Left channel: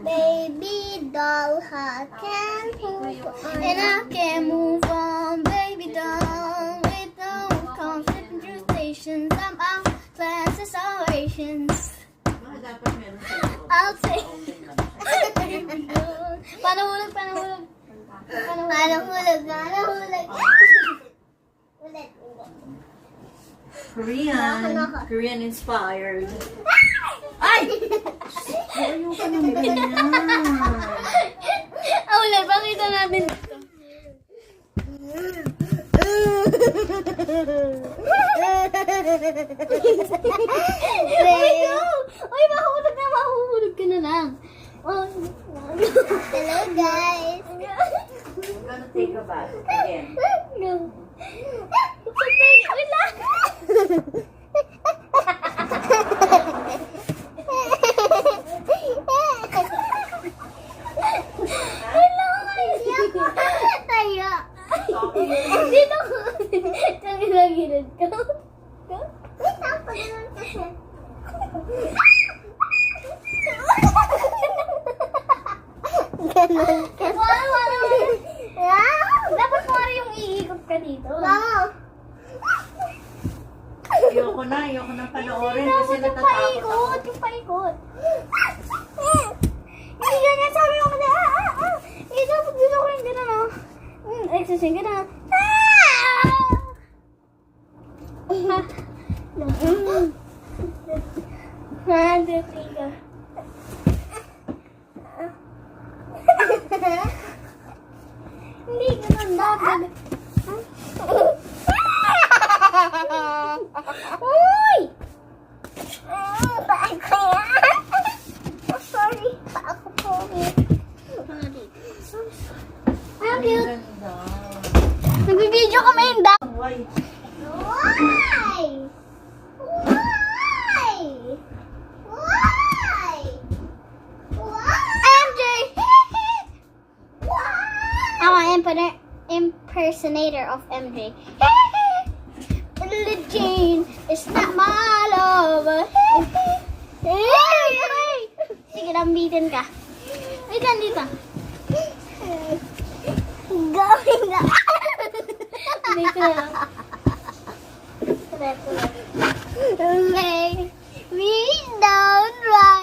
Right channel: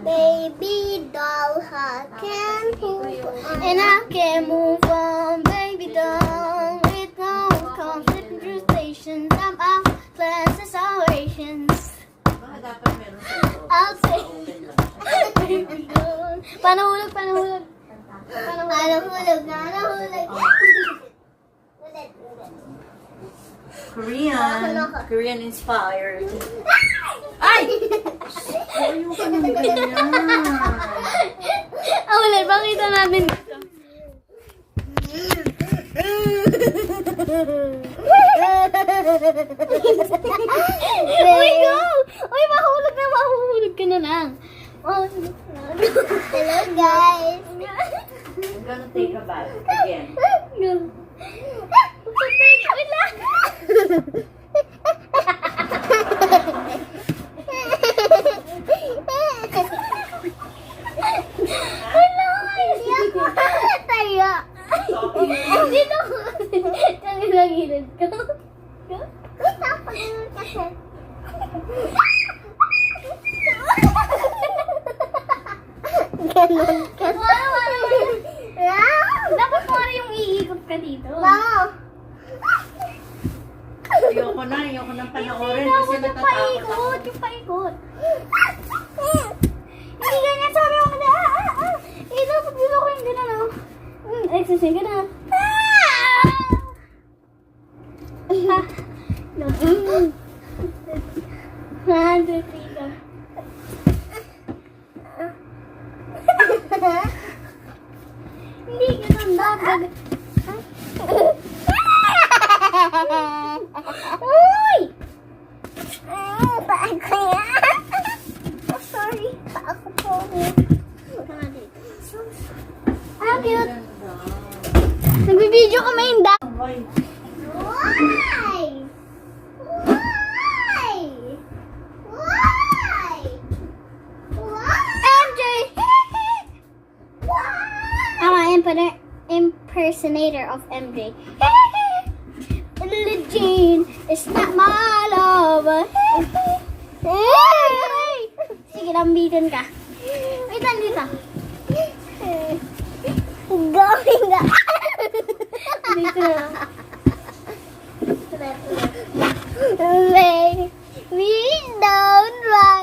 Baby doll, I can move on. And I can move on, baby doll. With no conflict and frustrations. I'm out plans and salvations. I'll take. Panuhulog, panuhulog. Panuhulog, panuhulog. Ulit, ulit. Korean inspired. Ay! Ayaw ka naman ganyan. Ulit, pakita natin dito. Uy, go! Uy, mahulog na, mahuhulog ka na lang. Oh, hello guys. I'm gonna take a bath again. Go. Wait lang. Wait lang, tayo. Dito ko. Ang ilagilid ko. Wait lang, pag-ilan kasi. Ganon ka. Dapat mo rin yung iikot ka dito. Wow. Ayoko na panoorin kasi Yung natatakot paikot, ako. yung paikot. Hindi ganyan, sabi mo kasi, Eh, dapat dito ko yung gano'n, oh. Exercise ka na. Three ka. Hindi ganun dapat. Uy! Paa ko yan. Oh, sorry. Paa ko po. Ang cute. Nagbibideo kami yung da. Why? Why? Why? Why? MJ! I'm an impersonator of MJ. Little Jean is not my lover. Sige, lambitin ka. Wait lang dito. Gawin na. Dito na. Tuloy. We don't ride.